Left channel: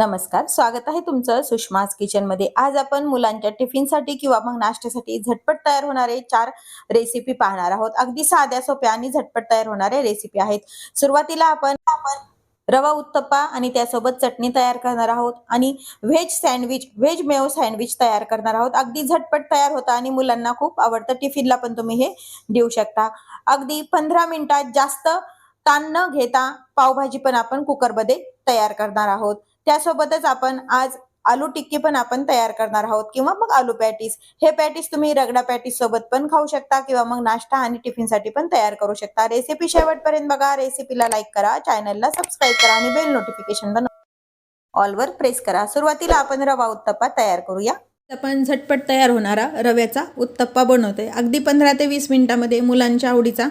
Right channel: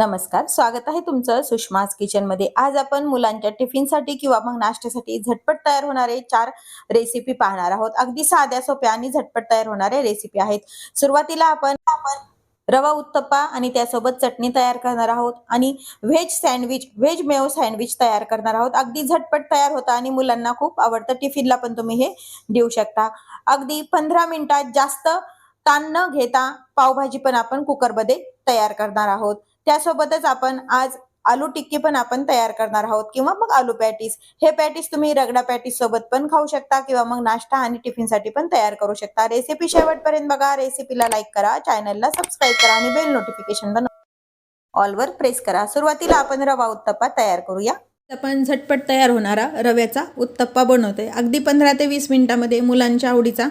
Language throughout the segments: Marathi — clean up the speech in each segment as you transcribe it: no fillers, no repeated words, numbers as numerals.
नमस्कार, स्वागत आहे तुमचं सुषमाज किचनमध्ये। आज आपण मुलांच्या टिफिनसाठी किंवा मग नाश्त्यासाठी झटपट तयार होणारे 4 रेसिपी पाहणार आहोत। अगदी साध्या सोप्या आणि झटपट तयार होणारे रेसिपी आहेत। सुरुवातीला आपण रवा उत्तप्पा आणि त्यासोबत चटणी तयार करणार आहोत आणि व्हेज मेयो सँडविच तयार करणार आहोत। अगदी झटपट तयार होतं आणि मुलांना खूप आवडतं। टिफिनला पण तुम्ही हे देऊ शकता। अगदी 15 मिनिटात जास्त ताण न घेता पावभाजी पण आपण कुकरमध्ये तयार करणार आहोत। त्यासोबतच आपण आज आलू टिक्की पण आपण तयार करणार आहोत किंवा मग आलू पॅटीस। हे पॅटीस तुम्ही रगडा पॅटीस सोबत पण खाऊ शकता किंवा मग नाश्ता आणि टिफिनसाठी पण तयार करू शकता। रेसिपी शेवटपर्यंत बघा। रेसिपीला लाईक करा, चॅनलला सबस्क्राईब करा आणि बेल नोटिफिकेशन ऑल वर प्रेस करा। सुरुवातीला आपण रवा उत्तप्पा तयार करूया। आपण झटपट तयार होणारा रव्याचा उत्तप्पा बनवतोय। अगदी 15 ते 20 मिनिटांमध्ये मुलांच्या आवडीचा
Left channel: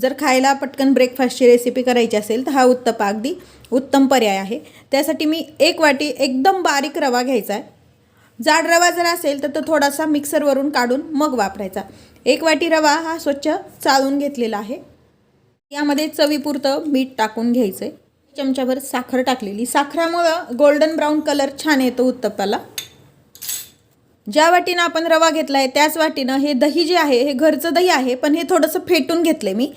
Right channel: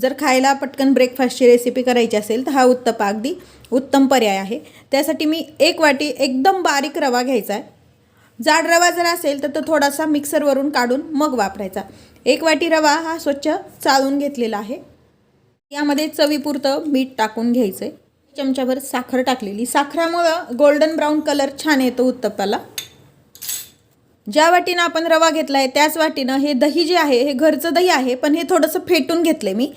जर खायला पटकन ब्रेकफास्टची रेसिपी करायची असेल तर हा उत्तप्पा अगदी उत्तम पर्याय आहे। त्यासाठी मी 1 वाटी एकदम बारीक रवा घ्यायचा आहे। जाड रवा जर असेल तर तो थोडासा मिक्सरवरून काढून मग वापरायचा। 1 वाटी रवा हा स्वच्छ चाळून घेतलेला आहे। यामध्ये चवीपुरतं मीठ टाकून घ्यायचं आहे। चमचाभर साखर टाकलेली। साखरेमुळे गोल्डन ब्राउन कलर छान येतो उत्तप्पाला। ज्या वाटीनं आपण रवा घेतलाय त्याच वाटीनं हे दही जे आहे हे घरचं दही आहे, पण हे थोडंसं फेटून घेतले मी।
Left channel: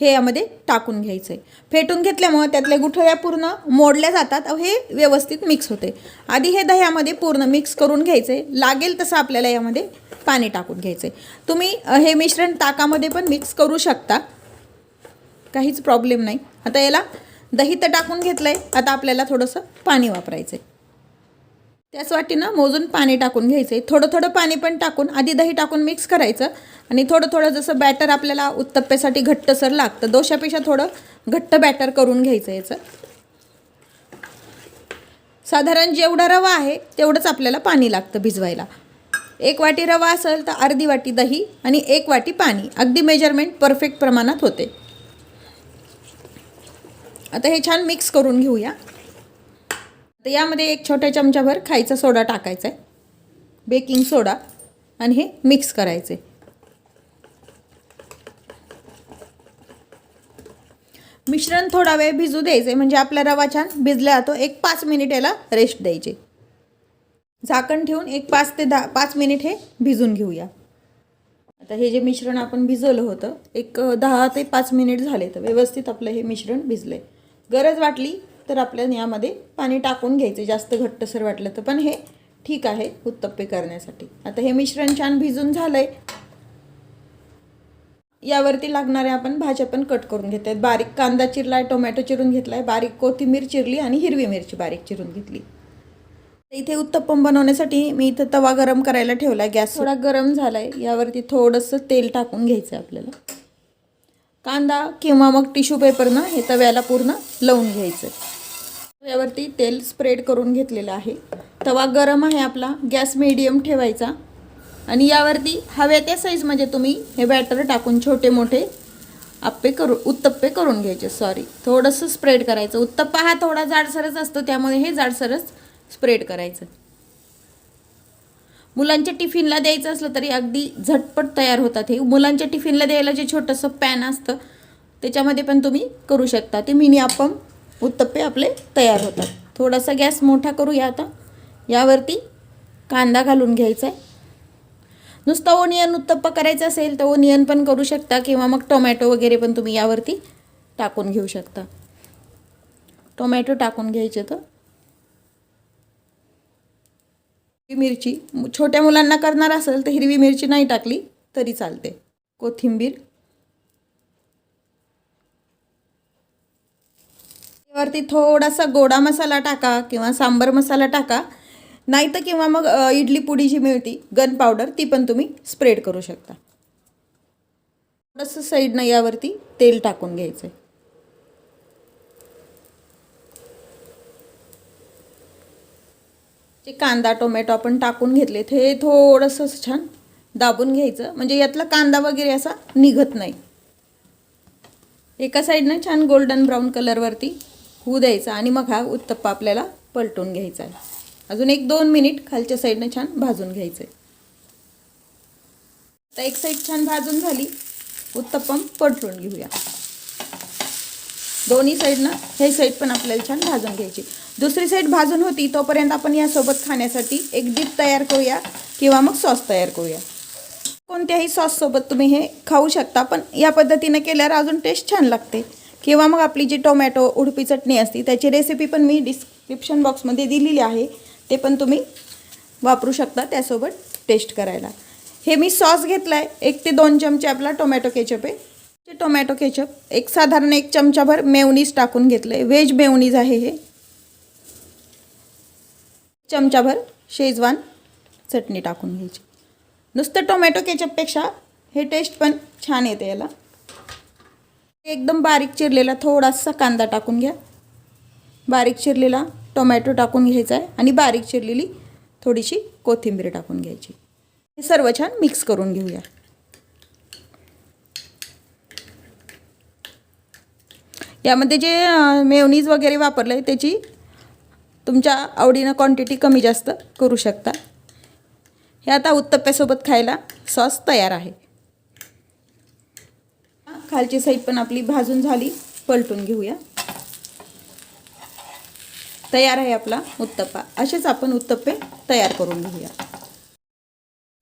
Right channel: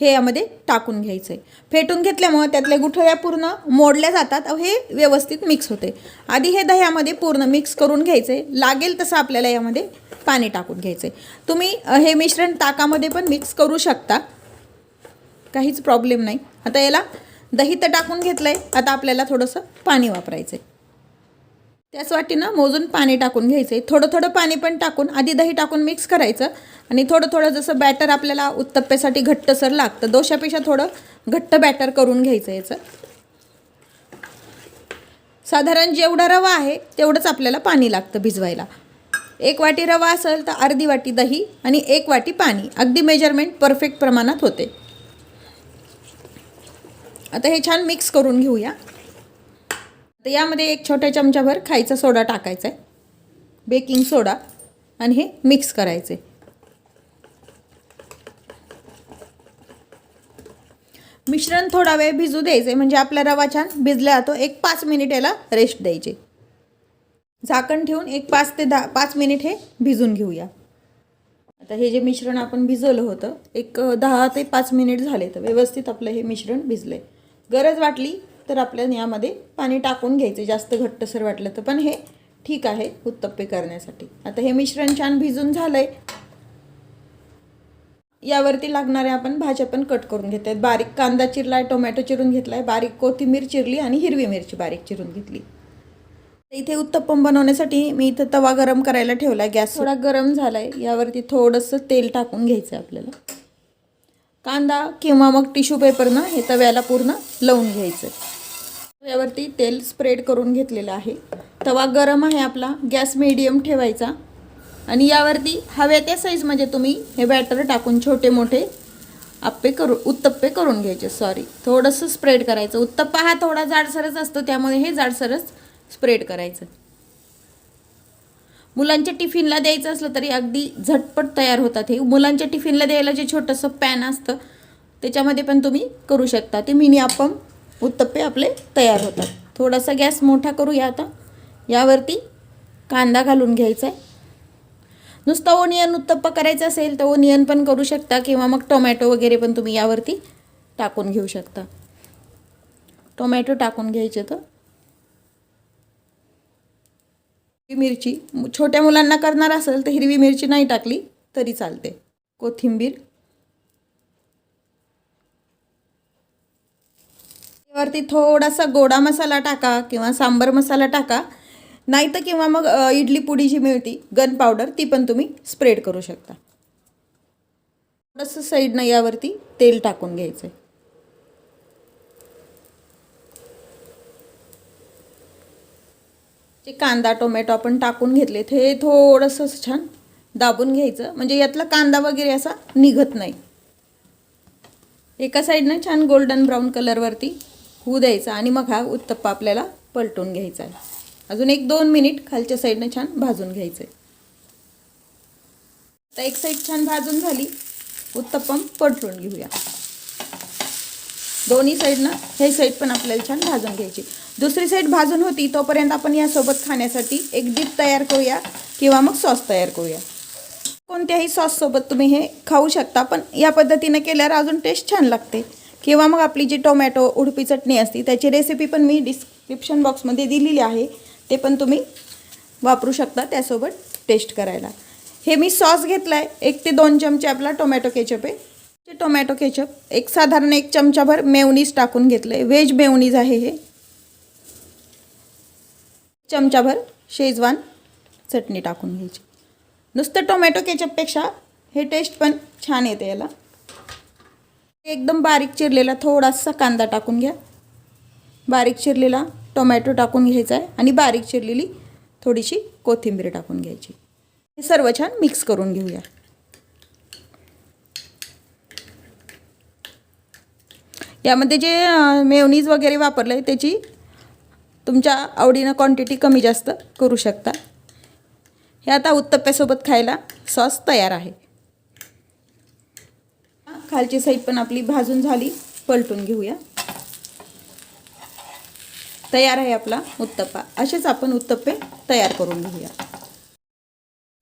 हे यामध्ये टाकून घ्यायचंय। फेटून घेतल्यामुळे त्यातल्या गुठळ्या पूर्ण मोडल्या जातात आणि हे व्यवस्थित मिक्स होते। आधी हे दह्यामध्ये पूर्ण मिक्स करून घ्यायचे। लागेल तसं आपल्याला यामध्ये पाणी टाकून घ्यायचे। तुम्ही हे मिश्रण ताकामध्ये पण मिक्स करू शकता, काहीच प्रॉब्लेम नाही। आता याला दही तर टाकून घेतलंय, आता आपल्याला थोडंसं पाणी वापरायचंय। त्याच वाटीनं मोजून पाणी टाकून घ्यायचंय। थोडं थोडं पाणी पण टाकून आधी दही टाकून मिक्स करायचं आणि थोडं थोडं जसं बॅटर आपल्याला उत्तप्प्यासाठी घट्टसर लागतं, डोशापेक्षा थोडं घट्ट बॅटर करून घ्यायचं। याचं साधारण जेवढा रवा आहे तेवढंच आपल्याला पाणी लागतं भिजवायला। 1 वाटी रवा असेल तर अर्धी वाटी दही आणि 1 वाटी पाणी, अगदी मेजरमेंट परफेक्ट प्रमाणात होते। आता हे छान मिक्स करून घेऊया। तर यामध्ये 1 छोटा चमचाभर खायचा सोडा टाकायचा आहे, बेकिंग सोडा, आणि हे मिक्स करायचे। मिश्रण थोडा वेळ भिजू द्यायचे, म्हणजे आपला रवा छान भिजला जातो। 5 मिनिट याला रेस्ट द्यायचे। झाकण ठेवून 5 ते 5 मिनिट हे भिजून घेऊया। आता हे जे मिश्रण आपण भिजवलं होतं 10 ते 5 मिनिट झाले, तर व्यवस्थित आपलं हे मिश्रण भिजलंय। गरज वाटली तर आपल्याला यामध्ये पाणी टाकून घ्यायचे, जास्त घट्टसर वाटलं तर, पण हे ठीक आहे उत्तप्पे करण्यासाठी। आता हे मिश्रण छान भिजून झालंय। यावरती लागणारे आपण भाज्या पण कट करून घेत आहेत। बारीक कांदा चिरलाय, टोमॅटो चिरून घेतलाय, बारीक कोथिंबीर चिरली आणि हिरवी मिरची बारीक चिरून घेतली। इथे उत्तप्पम बनवण्यासाठी मी इथे तवा गरम करायला ठेवलाय। गॅस थोडा गरम झालाय। यावरती थोडंसं तेल टाकून घ्यायचं आपल्याला। कांदा किंवा मग टिश्यू पेपरनं हे तव्याला पूर्ण लावून घ्यायचं। यावरती तेल स्प्रेड करून घेतलेलं आहे। तवा गरम आहे आपला, गॅस मीडियम ठेवायचा आणि यावरती हव्या त्या साईजमध्ये तुम्ही हे बॅटर टाकून छोटे मोठे उत्तप्पे करून घ्यायचे। थोडंसं स्प्रेड करायचं। उत्तप्पा हा थोडा जाडसरच असतो, त्यामुळे हे जाडसरच स्प्रेड करायचं। मुलांच्या टिफिनला द्यायचं असलं तरी अगदी झटपट तयार होतात हे। मुलांच्या टिफिनला द्यायला जे छोटंसं पॅन असतं त्याच्यामध्ये पण तुम्ही करू शकता। ते मिनी अप्पम उत्तप्पे आपले तयार होतात। थोडासा गॅस मोठा करूया। आता यावरती कांदा घालून घ्यायचा आहे। नुसता ओनियन उत्तप्पा करायचा असेल तर ओनियन पण करू शकता किंवा मग टोमॅटो वगैरे पण तुम्ही यावरती टाकून घेऊ शकता। टोमॅटो टाकून घ्यायचे। तर मिरची, छोट्या मुलांना करणार असेल तर हिरवी मिरची नाही टाकली तरी चालते। कोथिंबीर, वरती थोडासा गोडा मसाला टाका किंवा सांबर मसाला टाका, नाही तर किंवा मग इडली पुडी जी मिळती गन पावडर ती पण तुम्ही स्प्रेड करू शकता। थोडंसं साईडनं यावरती तेल टाकून घ्यायचं। जे कांदा टोमॅटो आपण टाकून घेतले ते थोडंसं छान दाबून घ्यायचं, म्हणजे यातला कांदा वगैरे असा निघत नाही। एका साईडनं छान गोल्डन ब्राउन कलरवरती होऊ द्यायचा आणि मग हा उत्तप्पा आपल्याला पलटून घ्यायचा आहे। अजून 1-2 मिनिट खालच्या साईडनं छान भाजून घ्यायचं आहे। तर एक साईड छान भाजून झाली, उत्तप्पम पलटून घेऊया। दोन्ही साईडनं हे साईड पण आपल्याला छान भाजून घ्यायची. दुसरी साईड भाजून होती तोपर्यंत आपण यासोबत खाण्यासाठी एक डिप तयार करूया किंवा मग सॉस तयार करूया. कोणत्याही सॉससोबत तुम्ही हे खाऊ शकता, पण या पद्धतीने केल्यावर अजून टेस्ट छान लागते. किंवा मग आपली जी टोमॅटो उडपी चटणी असते त्याची रेसिपी पण मी डिस्क्रिप्शन बॉक्समध्ये दिलेली आहे, ते पण तुम्ही वापरू शकता त्यासोबत टेस्ट करायला. हे मी सॉस घेतला आहे 1 ते 2 चमचे आपला टोमॅटो केचप आहे. टोमॅटो केचप एक साधारण 1 चमचाभर मेयोनीज टाकून घेतलं आहे. व्हेज मेयोनीज आहे हे. चमचाभर शेजवान चटणी टाकून घ्यायची. नुसतं टोमॅटो केचपपेक्षा हे टेस्ट पण छान येते याला. एकदम बारीक चिरलेला थोडासा कांदा टाकून घ्या. बारीक चिरलेला टोमॅटो टाकून घ्यायचा आहे आणि बारीक चिरलेली थोडीशी कोथिंबीर टाकून घ्यायची. हे सर्व छान मिक्स करून घेऊया. यामध्ये जे मेयोनीज वगैरे वापरलं आहे त्याची तुमच्या आवडीनं क्वांटिटी कमी जास्त करू शकता. हे आता उत्तप्प्यासोबत खायला सॉस तयार आहे. खालची साईड पण आपली भाजून झाली, पलटून घेऊया. तयार आहे आपला उत्तप्पा. असेच आपण उत्तप्पे तयार करून घेऊया.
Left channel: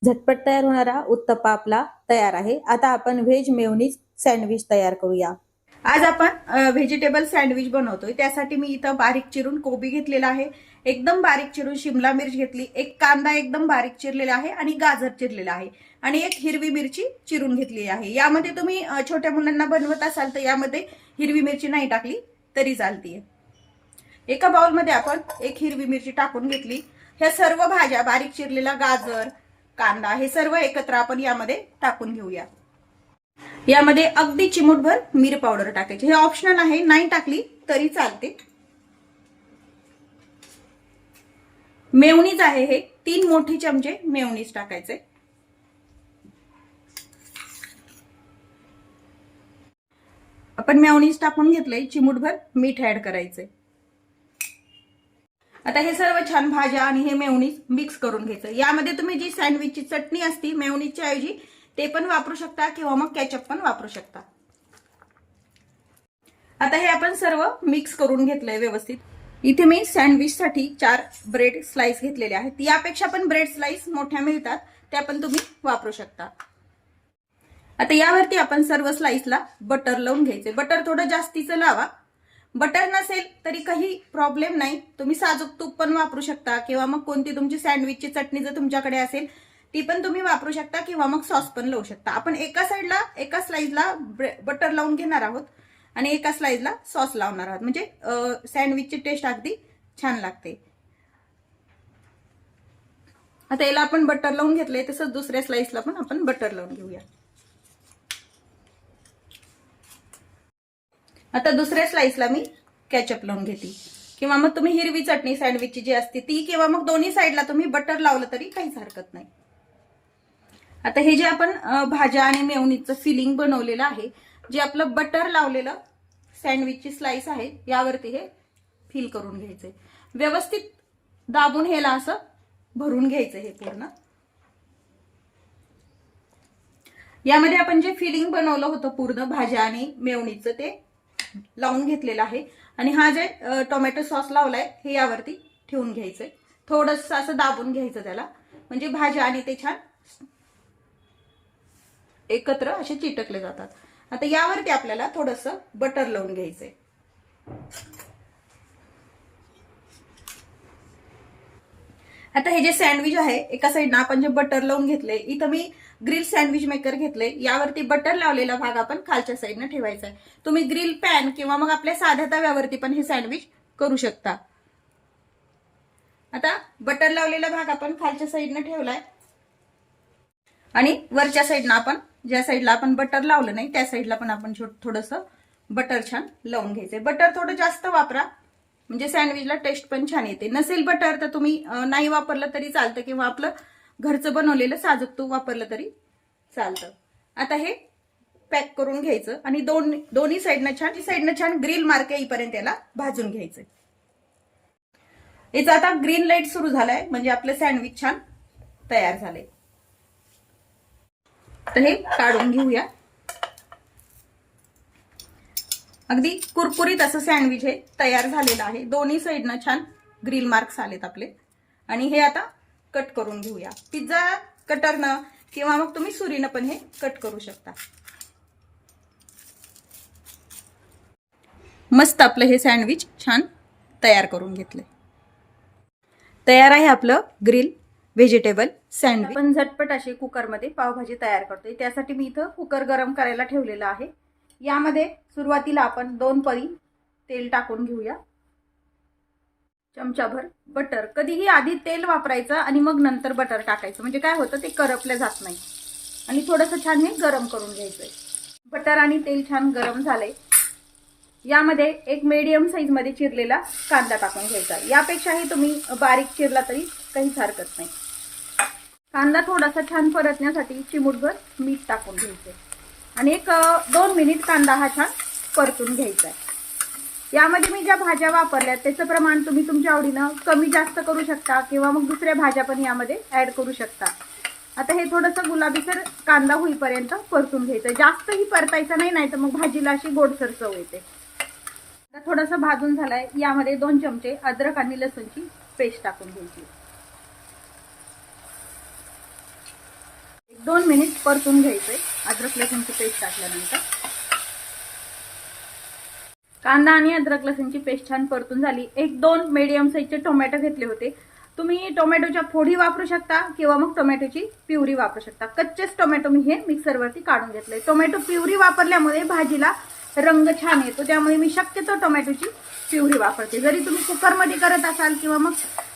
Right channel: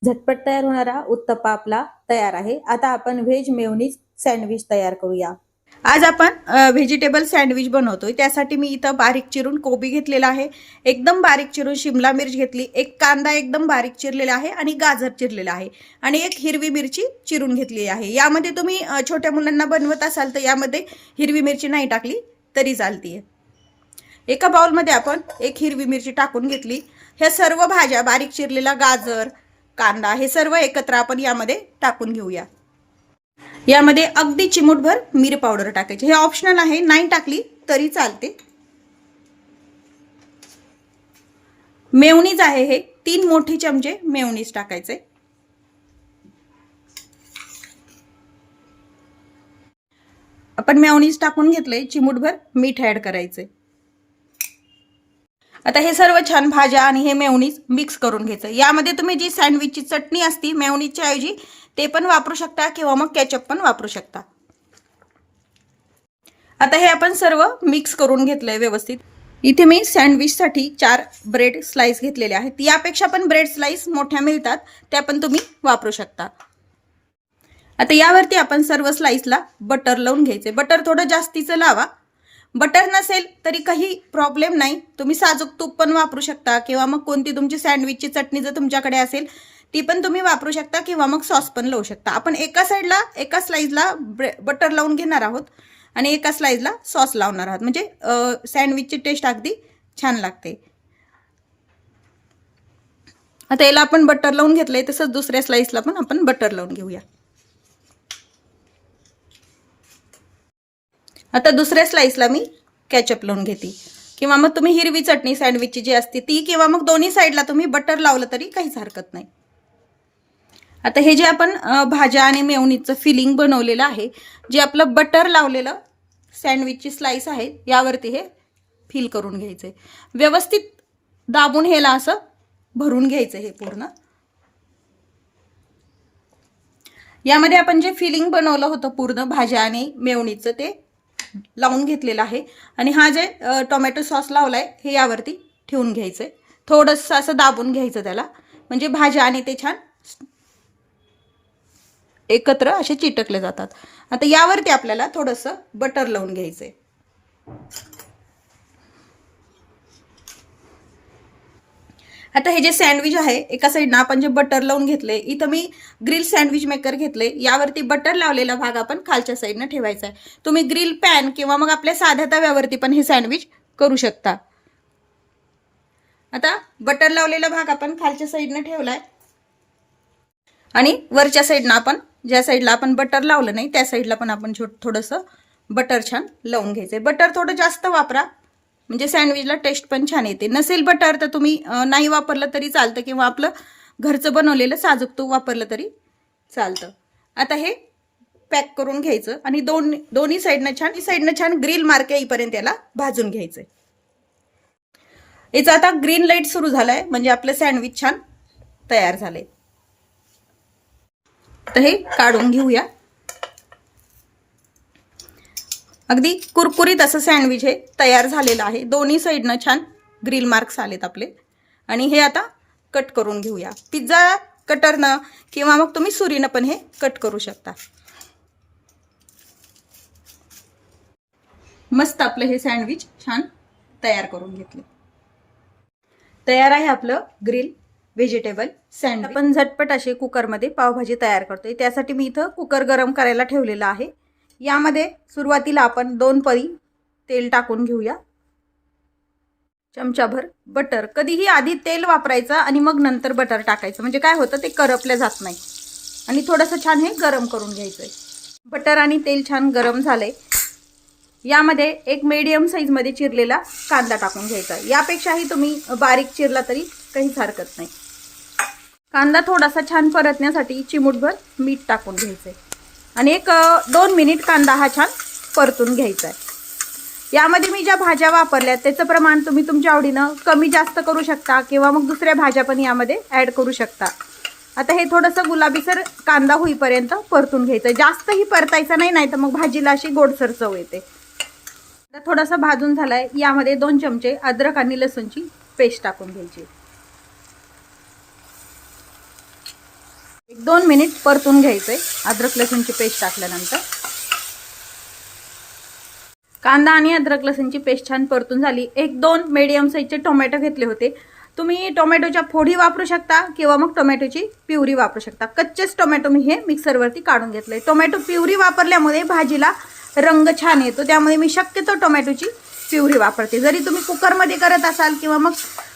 झटपट तयार होणारा उत्तप्पा आपला तयार आहे. आता आपण व्हेज मेयोनीज सँडविच तयार करूया. आज आपण व्हेजिटेबल सँडविच बनवतोय. त्यासाठी मी इथं बारीक चिरून कोबी घेतलेला आहे, एकदम बारीक चिरून शिमला मिर्च घेतली, एक कांदा एकदम बारीक चिरलेला आहे आणि गाजर चिरलेला आहे आणि एक हिरवी मिरची चिरून घेतली आहे. यामध्ये तुम्ही छोट्या मुलांना बनवत असाल तर यामध्ये हिरवी मिरची नाही टाकली तरी चालते. एका बाउलमध्ये आपण एक हिरवी मिरची टाकून घेतली. ह्या सर्व भाज्या बारीक चिरलेला गाजर, कांदा हे सर्व एकत्र आपण यामध्ये टाकून घेऊया. यामध्ये अगदी चिमूटभर मिरी पावडर टाकायची. हे ऑप्शनल आहे, नाही टाकली तरी चालते. मेयोनीज आहे हे 3 मोठे चमचे मेयोनीज टाकायचे. आपण मेयोनीज टाकून घेतले, चिमूटभर मीठ ऍड करायचे. आता हे सर्व छान भाज्या आणि हे मेयोनीज मिक्स करून घ्यायचं. यामध्ये तुम्ही जी सँडविचची चटणी असती मेयोनीजच्या ऐवजी ते पण वापरू शकता किंवा मग केचप पण वापरू शकता. आता हे आपण सर्व मिक्स करून घेतलंय व्यवस्थित. इथे मी सँडविचसाठी 4 ब्रेड स्लाइस घेतलेले आहेत. यापेक्षा पण ब्रेड स्लाइस मोठ्या मिळतात, त्या पण तुम्ही वापरू शकता. आता यावरती आपण सर्व स्लाइसला बटर लावून घ्यायचे. बटर थोडं जास्तीचं लावा. बटर नसेल तरी काही प्रॉब्लेम नाही, तुम्ही साजूक तूप पण वापरू शकता किंवा मग कोणती तुमची सँडविचची चटणी जर तुमच्याकडे असेल ती पण तुम्ही वापरू शकता किंवा मग सॉस पण लावू शकता. आपण एका साईडला एका स्लाइसला बटर लावून घेणार आहोत आणि एका स्लाइसला सॉस लावणार आहोत, म्हणजे सँडविचची टेस्ट अगदी छान लागते. आता याला आपण बटर लावून घेतलंय, तसंच दुसऱ्या स्लाइसला पण आपण बटर लावून घेऊया. आता दुसऱ्या स्लाइसला मी केचप लावून घेते किंवा मग तुम्ही हिरवी चटणी सँडविचची जी असते ती किंवा मग दोन्ही साईडला तुम्ही बटर लावलं तरी काहीच हरकत नाही. आता हे जे आपण भाज्या आणि मेयोनीजचं फिलिंग बनवलेलं आहे, जे आपलं बटर लावलेलं सँडविचची स्लाइस आहे यावरती हे फिल करून घ्यायचंय. व्यवस्थित दाबून ह्याला असं भरून घ्यायचं हे पूर्ण. यामध्ये आपण जे फिलिंग बनवलं होतं पूर्ण भाज्या आणि मेयोनीजचं ते लावून घेतलेलं आहे आणि हा जे टोमॅटो सॉस लावलाय हे यावरती ठेवून घ्यायचंय. थोडंसं असं दाबून घ्यायचं त्याला, म्हणजे भाज्या आणि ते छान एकत्र असे चिटकले जातात. आता यावरती आपल्याला थोडंसं बटर लावून घ्यायचंय. आता हे जे सँडविच आहे एका साईडनं आपण जे बटर लावून घेतले, इथं मी ग्रिल सँडविच मेकर घेतले. यावरती बटर लावलेला भाग आपण खालच्या साईडनं ठेवायचा आहे. तुम्ही ग्रिल पॅन किंवा मग आपल्या साध्या तव्यावरती पण हे सँडविच करू शकता. आता बटर लावलेला भाग आपण खालच्या साईडनं ठेवलाय आणि वरच्या साईडनं आपण ज्या साईडला आपण बटर लावलं नाही त्या साईडला पण आपण थोडंसं बटर छान लावून घ्यायचंय. बटर थोडं जास्त वापरा, म्हणजे सँडविचला टेस्ट पण छान येते. नसेल बटर तर तुम्ही नाही वापरलं तरी चालतं किंवा आपलं घरचं बनवलेलं साजूक तूप वापरलं तरी चालतं. आता हे पॅक करून घ्यायचं आणि दोन्ही साईडनं छान ग्रिल मार्क येईपर्यंत याला भाजून घ्यायचंय. याचा आता ग्रीन लाईट सुरू झालाय, म्हणजे आपलं सँडविच छान तयार झालंय. तर हे काढून घेऊया. अगदी कुरकुरीत असं सँडविच हे तयार झालेलं आहे। दोन्ही साईडनं छान ग्रिल मार्क्स आलेत आपले। आणि हे आता कट करून घेऊया। पिझ्झा कटरनं किंवा मग तुम्ही सुरीनं पण हे कट करू शकता। मस्त आपलं हे सँडविच छान तयार करून घेतले। तयार आहे आपलं ग्रिल व्हेजिटेबल सँडविच। आपण झटपट असे कुकरमध्ये पावभाजी तयार करतोय। त्यासाठी मी इथं कुकर गरम करायला ठेवलेला आहे। यामध्ये सुरुवातीला आपण 2 पळी तेल टाकून घेऊया। चमचाभर बटर, कधीही आधी तेल वापरायचं आणि मग नंतर बटर टाकायचं, म्हणजे काय होतं ते करपले जात नाही। आणि थोडंसं छान हे गरम करून घ्यायचंय। बटर आणि तेल छान गरम झालंय। यामध्ये एक मीडियम साइज मध्ये चिरलेला कांदा टाकून घ्यायचा। यापेक्षाही तुम्ही बारीक चिरला तरी काहीच हरकत नाही। कांदा थोडासा छान परतण्यासाठी चिमूटभर मीठ टाकून घ्यायचंय आणि एक 2 मिनिट कांदा हा छान परतून घ्यायचा आहे। यामध्ये मी ज्या भाज्या वापरल्या त्याचं प्रमाण तुम्ही तुमच्या आवडीनं कमी जास्त करू शकता किंवा मग दुसऱ्या भाज्या पण यामध्ये ॲड करू शकता। आता हे थोडंसं गुलाबीसर कांदा होईपर्यंत परतून घ्यायचं। जास्तही परतायचं नाही, नाहीतर मग भाजीला अशी गोडसर चव येते। थोडासा भाजून झालाय। यामध्ये 2 चमचे अद्रक आणि लसूणची पेस्ट टाकून घ्यायची। 1-2 मिनिट परतून घ्यायचंय अद्रक लसूणची पेस्ट टाकल्यानंतर। कांदा आणि अद्रक लसूणची पेस्ट छान परतून झाली। 1-2 मीडियम साइजचे टोमॅटो घेतले होते। तुम्ही टोमॅटोच्या फोडी वापरू शकता किंवा मग टोमॅटोची प्युरी वापरू शकता। कच्चेच टोमॅटो मी हे मिक्सरवरती काढून घेतले। टोमॅटो प्युरी वापरल्यामुळे भाजीला रंग छान येतो, त्यामुळे मी शक्यतो टोमॅटोची प्युरी वापरते। जरी तुम्ही कुकरमध्ये करत असाल किंवा मग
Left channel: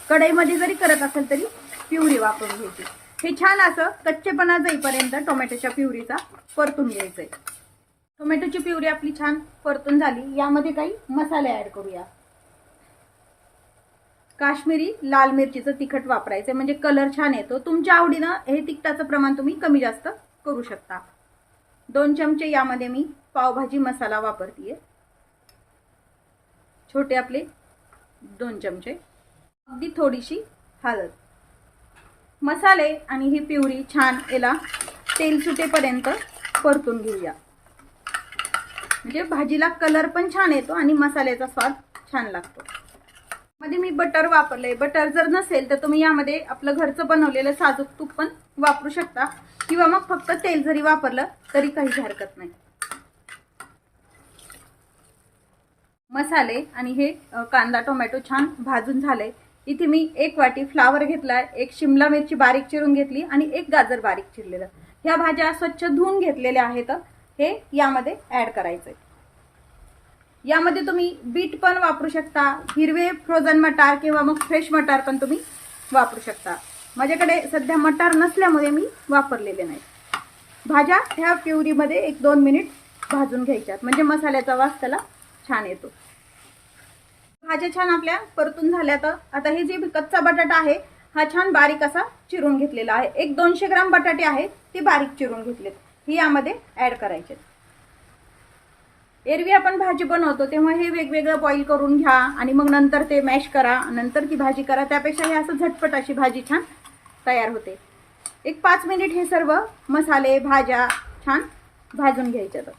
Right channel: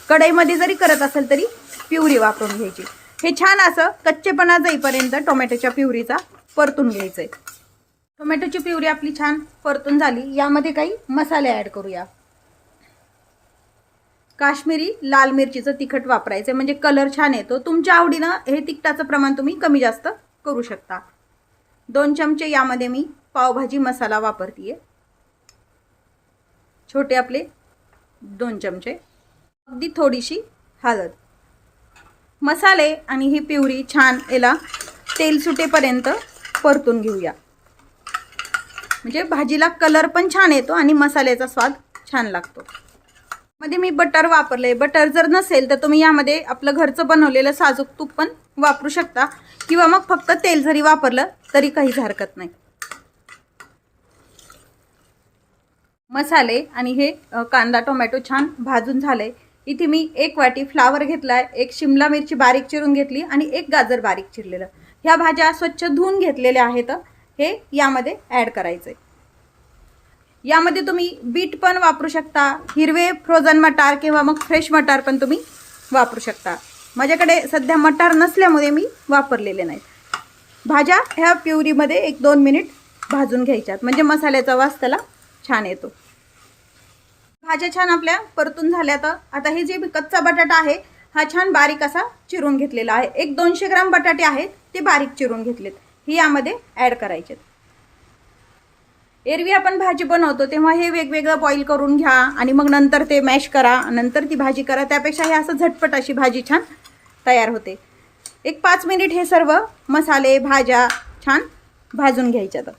कढईमध्ये जरी करत असाल तरी प्युरी वापरून घ्यायची। हे छान असं कच्चेपणा जाईपर्यंत टोमॅटोच्या प्युरीचा परतून घ्यायचंय। टोमॅटोची प्युरी आपली छान परतून झाली। यामध्ये काही मसाले ॲड करूया। काश्मीरी लाल मिरचीचं तिखट वापरायचं, म्हणजे कलर छान येतो। तुमच्या आवडीनं हे तिखटाचं प्रमाण तुम्ही कमी जास्त करू शकता। 2 चमचे यामध्ये मी पावभाजी मसाला वापरतीये, छोटे आपले 2 चमचे। अगदी थोडीशी हळद। मसाले आणि ही प्युरी छान याला तेल सुटेपर्यंत परतून घेऊया, म्हणजे भाजीला कलर पण छान येतो आणि मसाल्याचा स्वाद छान लागतो। मध्ये मी बटर वापरले। बटर जर नसेल तर तुम्ही यामध्ये आपलं घरचं बनवलेलं साजूक तूप पण वापरू शकता किंवा मग फक्त तेल जरी वापरलं तरी काहीच हरकत नाही। मसाले आणि हे कांदा टोमॅटो छान भाजून झाले। इथे मी 1 वाटी फ्लावर घेतलाय, 1 शिमला मिरची बारीक चिरून घेतली आणि 1 गाजर बारीक चिरलेलं। ह्या भाज्या स्वच्छ धुवून घेतलेल्या आहेत। हे यामध्ये ॲड करायचंय। यामध्ये तुम्ही बीट पण वापरू शकता, हिरवे फ्रोझन मटार किंवा मग फ्रेश मटार पण तुम्ही वापरू शकता। माझ्याकडे सध्या मटार नसल्यामुळे मी वापरलेले नाही। भाज्या ह्या प्युरीमध्ये 1-2 मिनिट भाजून घ्यायच्यात, म्हणजे मसाल्याचा वास त्याला छान येतो। भाज्या छान आपल्या परतून झाल्यात। आता हे जे कच्चा बटाटा आहे हा छान बारीक असा चिरून घेतलेला आहे। 100-200 ग्राम बटाटे आहेत ते बारीक चिरून घेतलेत, हे यामध्ये ॲड करायचे। एरवी आपण भाजी बनवतो तेव्हा हे वेगवेगळं बॉईल करून घ्या आणि मग नंतर ते मॅश करा, नंतर ती भाजी करा। त्यापेक्षा हे असं झटपट अशी भाजी छान तयार होते। 1-5 मिनिट हे सर्व मसाले भाज्या छान भाजून घ्यायच्यात।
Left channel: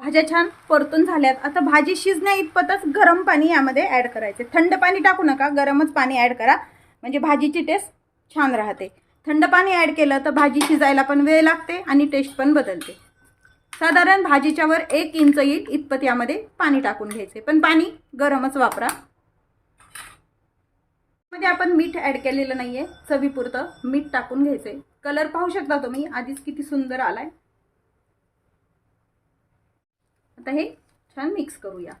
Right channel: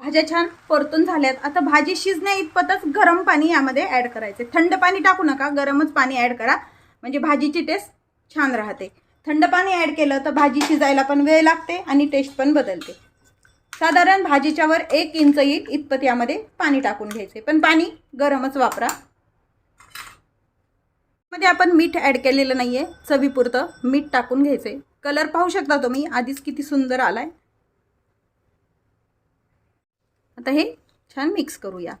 भाज्या छान परतून झाल्यात। आता भाजी शिजण्या इतपतच गरम पाणी यामध्ये ॲड करायचे। थंड पाणी टाकू नका, गरमच पाणी ॲड करा, म्हणजे भाजीची टेस्ट छान राहते। थंड पाणी ॲड केलं तर भाजी शिजायला पण वेळ लागते आणि टेस्ट पण बदलते। साधारण भाजीच्या वर 1 इंच येईल इतपत यामध्ये पाणी टाकून घ्यायचे, पण पाणी गरमच वापरा। मध्ये आपण मीठ ॲड केलेलं नाहीये, चवीपुरतं मीठ टाकून घ्यायचे। कलर पाहू शकता तुम्ही आधीच किती सुंदर आलाय। आता हे छान मिक्स करूया।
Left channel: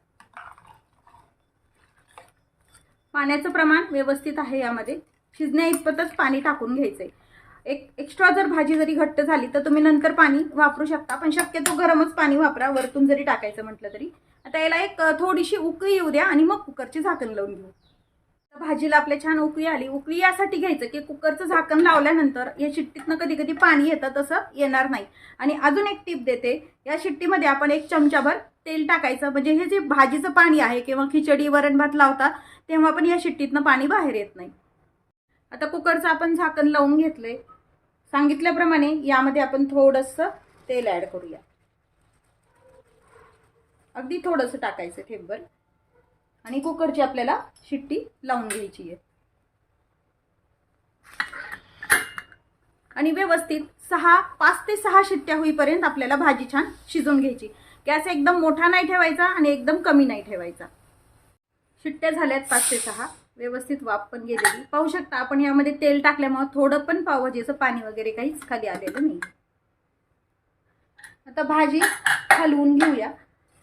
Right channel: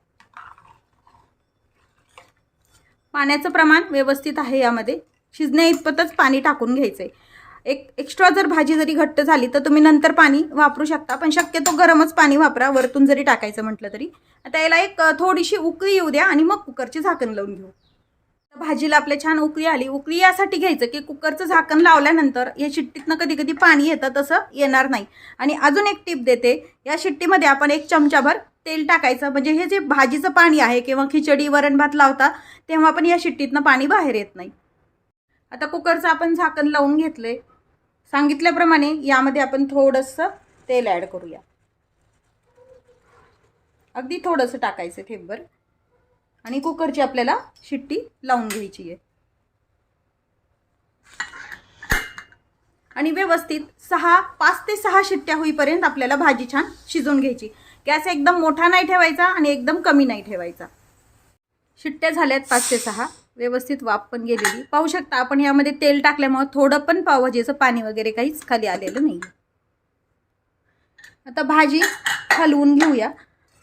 पाण्याचं प्रमाण व्यवस्थित आहे, यामध्ये शिजण्या इतपतच पाणी टाकून घ्यायचंय। एक एक्स्ट्रा जर भाजी जरी घट्ट झाली तर तुम्ही नंतर पाणी वापरू शकता, पण शक्यतो गरमच पाणी वापरा वरतून जरी टाकायचं म्हटलं तरी। आता याला एक थोडीशी उकळी येऊ द्या आणि मग कुकरची झाकण लावून घेऊ। भाजीला आपल्या छान उकळी आली। उकळी यासाठी घ्यायचं की कुकरचं झाकण लावल्यानंतर या शिट्टीतनं कधी कधी पाणी येतं, तसं येणार नाही। आणि अजून एक टिप देते, या शिट्टीमध्ये आपण 1 चमचाभर तेल टाकायचं, म्हणजे हे जे भाजीचं पाणी आहे किंवा खिचडी वरण भात लावता तेव्हा पण या शिट्टीतनं पाणी बाहेर येत नाही। आता कुकरचं आपण झाकण लावून घेतले। सांगितल्याप्रमाणे यामध्ये आपण थोडंसं तेल ॲड करूया। अगदी थोडंसं टाकायचं ठेपभर आणि कुकरची आपल्याला शिट्टी लावून घ्यायची आहे आणि व्यवस्थित 5 ते 6 शिट्ट्या होईपर्यंत आपल्याला भाजी छान शिजवून घ्यायची। गॅस एकदम मोठा नाही ठेवायचा आणि एकदम कमी नाही ठेवायचा। शिट्ट्या झाल्यात 5 ते 6, व्यवस्थित वाफ पण गेलेली। पाहू शकता आपण यामध्ये तेल टाकल्यामुळे थोडं पण पावभाजीचं पाणी वगैरे काहीच खाली आलेलं नाही। आता भाजी हलवून घेऊया।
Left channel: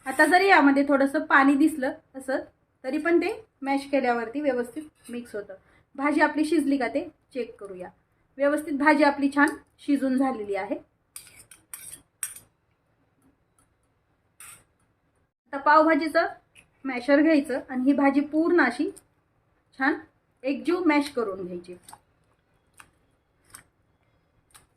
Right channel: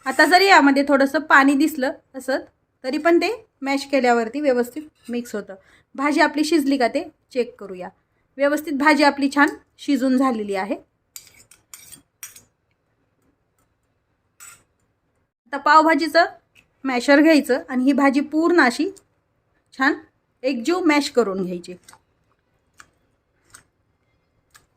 आता जरी यामध्ये थोडंसं पाणी दिसलं असं तरी पण ते मॅश केल्यावरती व्यवस्थित मिक्स होतं। भाजी आपली शिजली का ते चेक करूया। व्यवस्थित भाजी आपली छान शिजून झालेली आहे। आता पावभाजीचं मॅशर घ्यायचं आणि ही भाजी पूर्ण अशी छान एकजीव मॅश करून घ्यायची।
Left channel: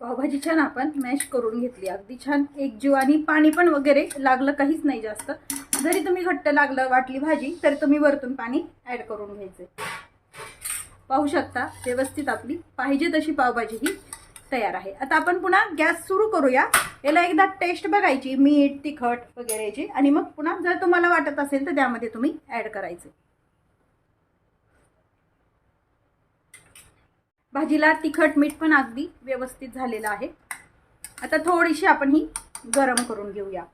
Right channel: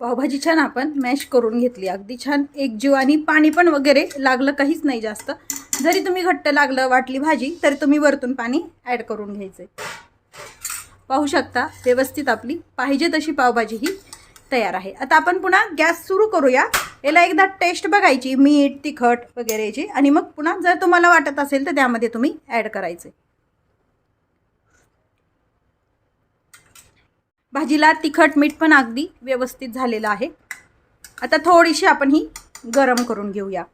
पावभाजी छान आपण मॅश करून घेतली, अगदी छान एकजीव आणि पाणी पण वगैरे लागलं काहीच नाही जास्त। जरी तुम्ही घट्ट लागलं वाटली भाजी तर तुम्ही वरतून पाणी ॲड करून घ्यायचे। पाहू शकता व्यवस्थित आपली पाहिजे तशी पावभाजी ही तयार आहे। आता आपण पुन्हा गॅस सुरू करूया। याला एकदा टेस्ट बघायची मीठ तिखट वगैरेची आणि मग पुन्हा जर तुम्हाला वाटत असेल तर त्यामध्ये तुम्ही ॲड करायचे। भाजीला तिखट मीठ पण अगदी व्यवस्थित झालेलं आहे। आता थोडीशी आपण ही गरम करून घेऊया।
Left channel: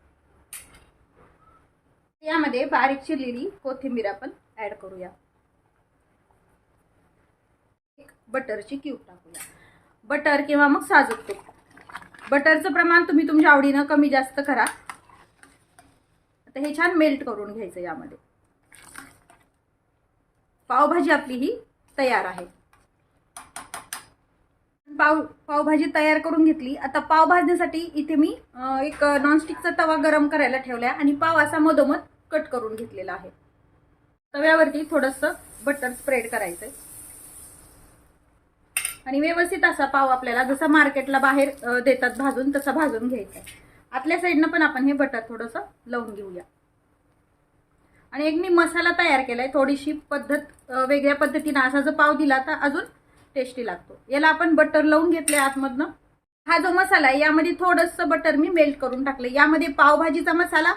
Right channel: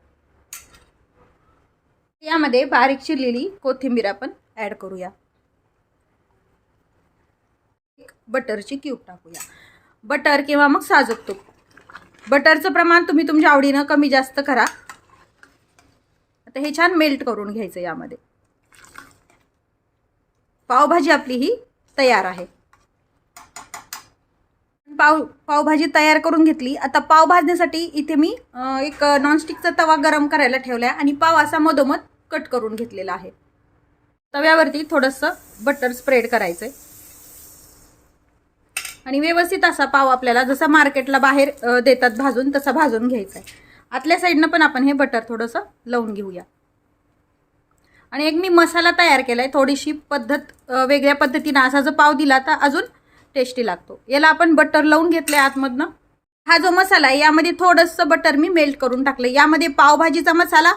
यामध्ये बारीक चिरलेली कोथिंबीर आपण ॲड करूया। बटरची क्यूब टाकूया। बटर किंवा मग साजूक तूप, बटरचं प्रमाण तुम्ही तुमच्या आवडीनं कमी जास्त करा। आता हे छान मेल्ट करून घ्यायचं यामध्ये। पावभाजी आपली ही तयार आहे। पावभाजी तयार करून घेतली। आता पाव भाजण्यासाठी इथे मी एक नॉनस्टिकचा तवा गरम करायला ठेवला आणि पाव असा मधोमध कट करून घेतलेला आहे। तव्यावरती थोडंसं बटर स्प्रेड करायचंय आणि व्यवस्थित असा पाव आपल्याला जसा मार्केटला बाहेर देतात भाजून तसा भाजून घ्यायचा आहे। आतल्या साईडनं पण आपण हे बटर थोडंसं लावून घेऊया। आणि एक मी मसाला तयार केलाय, थोडीशी पद्धत वेगळ्या पद्धतीने असा जो पाव दिला तर अजून टेस्टी लागतो। याला आपण बटर लावून घेतले आतमधनं। हा जो मसाला आहे यामध्ये थोडंसं बटर मी मेल्ट करून टाकलं। यामध्ये पावभाजीचा मसाला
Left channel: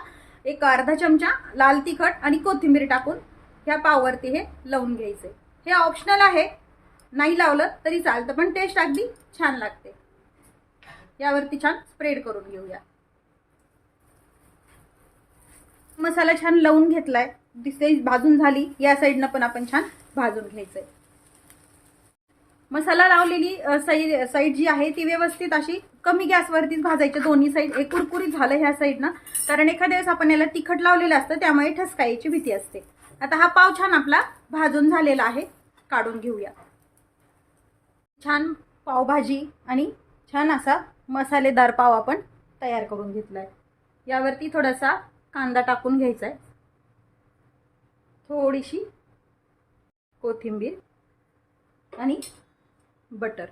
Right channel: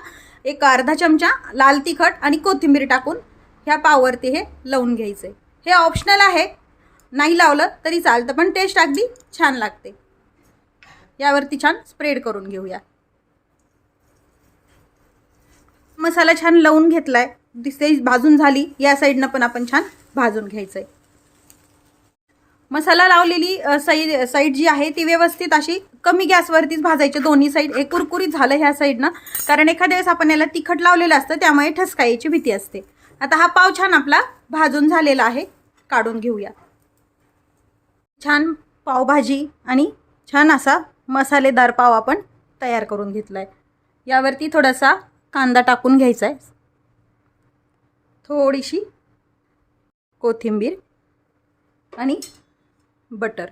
एक अर्धा चमचा लाल तिखट आणि कोथिंबीर टाकून ह्या पाववरती हे लावून घ्यायचंय। हे ऑप्शनल आहे, नाही लावलं तरी चालतं पण टेस्ट अगदी छान लागते। यावरती छान स्प्रेड करून घेऊया। मसाला छान लावून घेतलाय, दिसते भाजून झाली। या साईडनं पण आपण छान भाजून घ्यायचंय। मसाला लावलेली साईड जी आहे ती व्यवस्थित अशी कमी गॅसवरतीच भाजायची दोन्ही साईड। एक कुरकुरीत झालं ह्या साईडनं, कारण एखाद्या वेळेस आपण याला तिखट लावलेलं असतं त्यामुळे ठसकायची भीती असते। आता हा पाव छान आपला भाजून झालेला आहे, काढून घेऊया। छान पावभाजी आणि छान असा मसालेदार पाव आपण तयार करून घेतलाय। यावरती थोडासा कांदा टाकून घ्यायचा आहे, थोडीशी कोथिंबीर आणि बटर।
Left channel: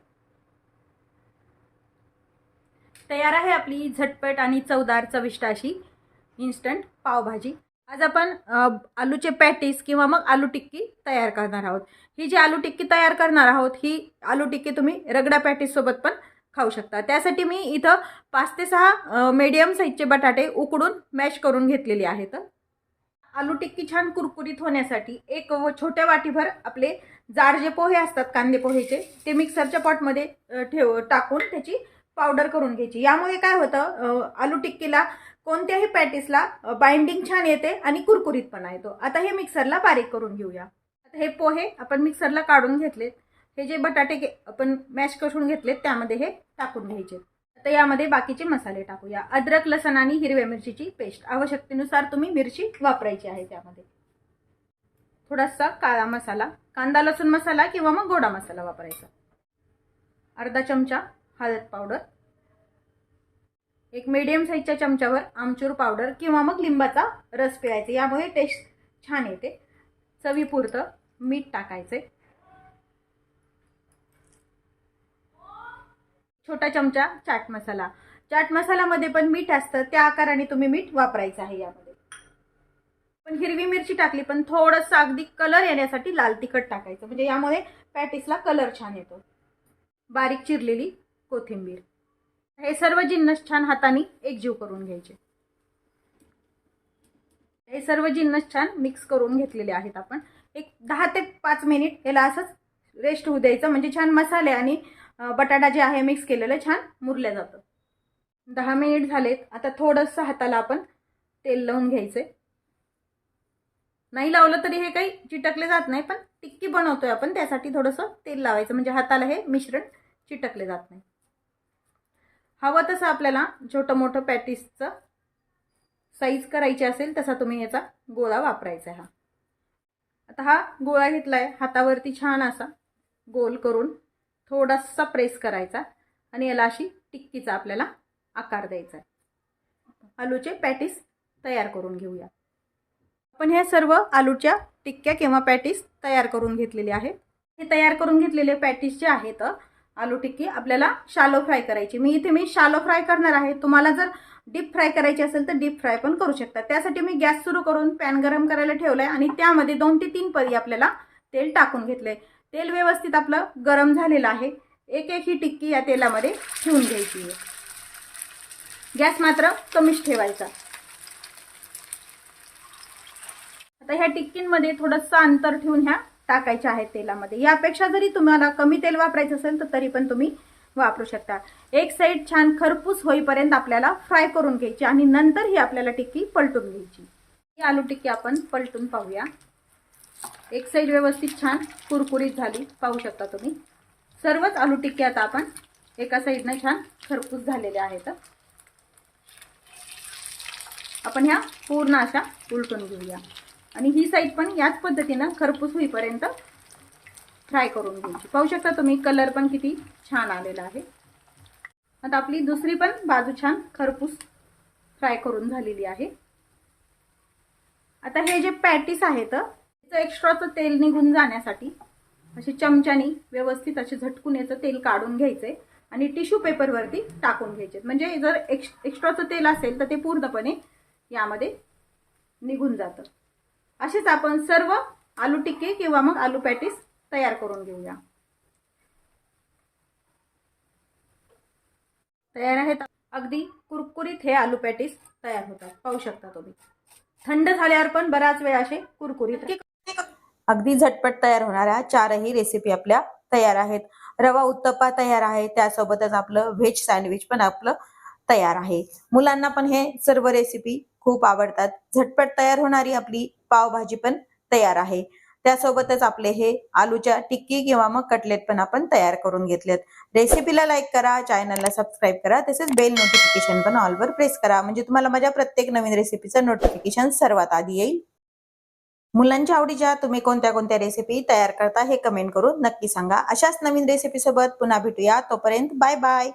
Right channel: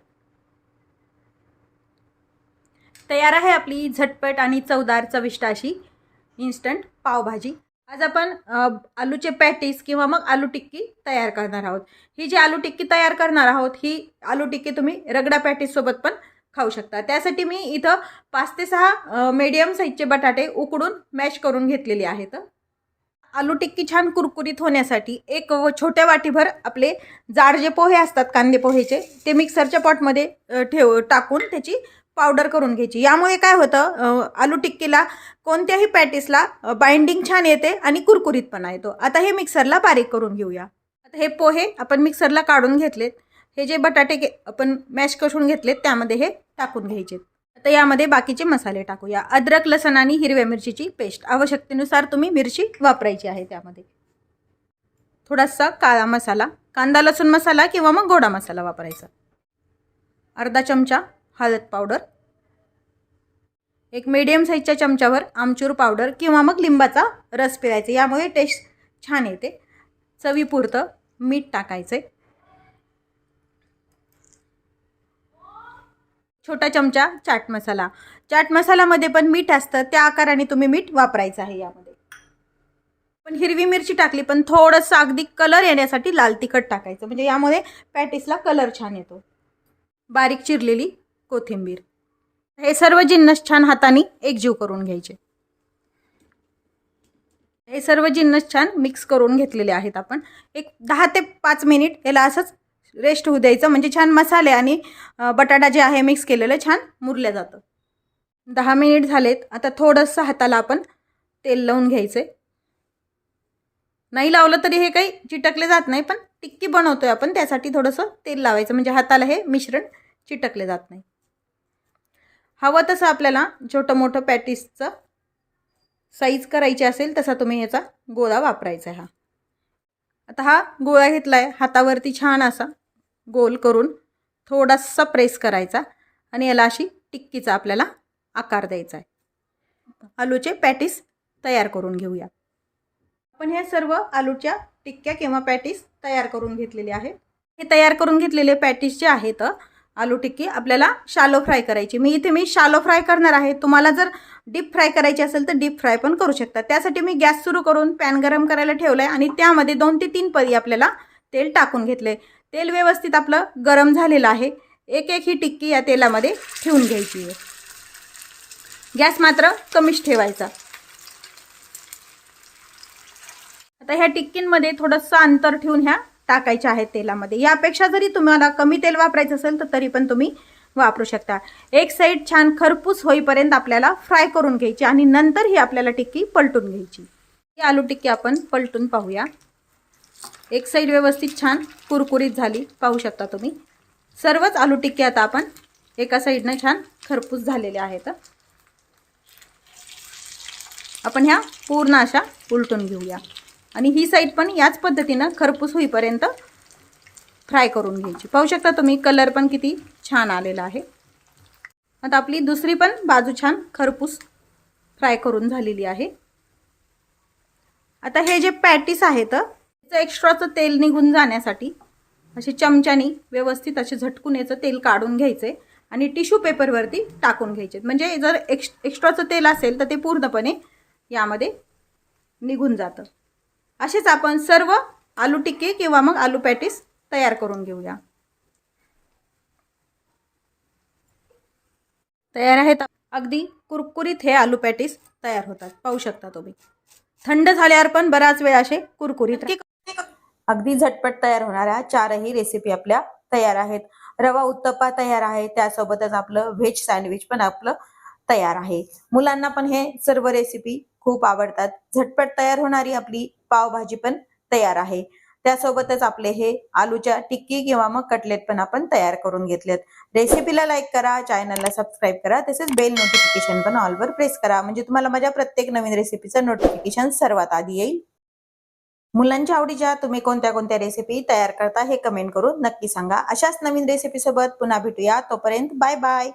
तयार आहे आपली झटपट आणि चवदार चविष्ट अशी इन्स्टंट पावभाजी। आज आपण आलूचे पॅटीस किंवा मग आलू टिक्की तयार करणार आहोत। ही जी आलू टिक्की तयार करणार आहोत ही आलू टिक्की तुम्ही रगडा पॅटीस सोबत पण खाऊ शकता। त्यासाठी मी इथं 5 ते 6 मीडियम साईजचे बटाटे उकडून मॅश करून घेतलेले आहेत। आलू टिक्की छान कुरकुरीत होण्यासाठी एक छोट्या वाटीभर आपले जाड जे पोहे असतात कांदे पोहेचे ते मिक्सरच्या पॉटमध्ये टाकून त्याची पावडर करून घ्यायची। यामुळे काय होतं आलू टिक्कीला कोणत्याही पॅटीसला बाइंडिंग छान येते आणि कुरकुरीतपणा येतो। आता हे मिक्सरला बारीक करून घेऊया। आता हे पोहे आपण मिक्सरला काढून घेतलेत। हे जे बटाटे आपण मॅश करून घेतलेत त्यामध्ये हे टाकून घ्यायचे। आता यामध्ये बाकीचे मसाले टाकूया। अद्रक लसूण आणि हिरव्या मिरचीची पेस्ट, आवश्यकतेनुसार तुम्ही मिरची वापरायची आहे। त्यामध्ये थोडासा काळा मसाला, कांदा लसूण मसाला किंवा मग गोडा मसाला वापरायचा। अर्धा चमचा हळद पावडर, एक मीडियम साईजच्या चमच्यावर आमचूर पावडर किंवा मग लिंबाचा रस पिळायचा, यामुळे टेस्ट छान येते। चवीपुरतं मीठ टाकायचे, छोटा चमचा चाट मसाला। चाट मसाल्यामध्ये पण मीठ असतं, त्या आकाराने तुम्ही मीठ वापरायचं आहे। यामध्ये पण हिरवी मिरची टाकली पण थोडंसं अगदी कलर येण्यासाठी लाल तिखट टाकायचं, म्हणजे यामुळे पॅटीसला कलर छान येतो। बारीक चिरलेली कोथिंबीर, हे सर्व जिन्नस छान हाताने एकजीव करून घ्यायचे। हे सर्व जिन्नस छान मिक्स करून घेतलेले आहेत आपण. एक 10 ते 5 मिनिट याला असंच रेस्ट होऊ द्यायचं, म्हणजे छान मसाले आणि बटाटा जे आहे मिक्स केलेलं छान मुरलं जातं. 10 मिनिट झालेत. आता थोडंसं हाताला आपण तेल लावून घ्यायचं. नाही लावलं तरी हे काही चिटकले जात नाही, पण टिक्की बनवतोय आपण त्यासाठी थोडंसं तेल लावायचं, म्हणजे हाताला हे मिश्रण चिटकले जात नाही. हवं तसं आपल्याला छोटं मोठं पॅटीसचं साईज करायची असेल तसा तुम्ही याचा गोळा वापरायचा आहे. आता हा गोळा घेतलाय, हातावरती छान असा गोल करून थोडासा प्रेस करायचा आणि याला अशी टिक्कीचा आपल्याला आकार द्यायचा आहे. आलूचे पॅटीस तयार करून घेऊया. आपण ह्या सर्व आलूच्या टिक्क्या किंवा पॅटीस तयार करून घेतलेले आहेत. हे तयार करून घेतलेले पॅटीस जे आहेत आलू टिक्की आपल्याला शालो फ्राय करायची. मी शालो फ्राय करणार आहे. तुम्हाला जर डीप फ्राय करायची असेल तर डीप फ्राय पण करू शकता. त्यासाठी मी गॅस सुरू करून पॅन गरम करायला ठेवलं आहे आणि त्यामध्ये 2 ते 3 पळी आपल्याला तेल टाकून घेतलं आहे. तेल व्यवस्थित आपलं गरम झालेलं आहे. एक एक ही टिक्की या तेलामध्ये ठेवून घ्यायची आहे. गॅस मात्र कमीच ठेवायचा. आता ह्या टिक्कींमध्ये थोडंसं अंतर ठेवून ह्या टाकायच्या आहेत तेलामध्ये. यापेक्षा जरी तुम्हाला कमी तेल वापरायचं असेल तर तरी पण तुम्ही वापरू शकता. एक साईड छान खरपूस होईपर्यंत आपल्याला फ्राय करून घ्यायची आणि नंतर ही आपल्याला टिक्की पलटून घ्यायची. ही आलू टिक्की आपण पलटून पाहूया. एक साईड व्यवस्थित छान कुरकुरीत झाली, पाहू शकता तुम्ही. सर्वच आलू टिक्की आता आपण एका साईडनं छान खरपूस झालेल्या आहेत. आपण ह्या पूर्ण अशा उलटून घेऊया आणि ही साईड पण याच पद्धतीनं खरपूस होईपर्यंत फ्राय करून घ्यायची. पाहू शकता तुम्ही कलर पण किती छान आलेला आहे. आता आपली दुसरी पण बाजू छान खरपूस फ्राय करून झालेली आहे. आता हे जे पॅटीस आहेत त्याचं एक्स्ट्राचं तेल निघून जाण्यासाठी असे चमच्यानी व्यवस्थित असे झटकून याचं तेल काढून घ्यायचे आणि टिश्यू पेपरवरती टाकून घ्यायचे. म्हणजे जर एक्स्ट्राचं तेल असेल तर ते पूर्णपणे यामध्ये निघून जातं. असेच आपण सर्व आलू टिक्की किंवा मग आलू पॅटीस तयार करून घेऊया. तयार आहेत. अगदी कुरकुरीत हे आलू पॅटीस तयार होतात, पाहू शकता तुम्ही. थंड झाल्यावर पण बराच वेळ असे कुरकुरीत. अगदी झटपट तयार होणाऱ्या 4ही रेसिपी आपल्या तयार आहेत. रवा उत्तप्पा तयार आहे, त्यासोबतच आपलं व्हेज सँडविच पण आपलं तयार आहे. मुलांना पण हे सर्व रेसिपी खूप आवडतात. झटपट तयार होणारी आपली पावभाजी पण तयार आहे. त्यासोबतच आपले हे आलूच्या टिक्की किंवा मग कटलेट पण आपण तयार करून घेतलेत. रेसिपीला लाईक करा, चॅनलला सबस्क्राईब करा, तसेच बेल नोटिफिकेशन पण ऑलवर प्रेस करा, म्हणजे तुम्हाला माझ्या प्रत्येक नवीन रेसिपीचं नोटिफिकेशन सर्वात आधी येईल. मुलांच्या आवडीच्या तुम्ही कोणत्या कोणत्या रेसिपी तयार करता हे कमेंट करून नक्की सांगा. अशाच नवीन रेसिपी सोबत पुन्हा भेटूया. तोपर्यंत बाय बाय.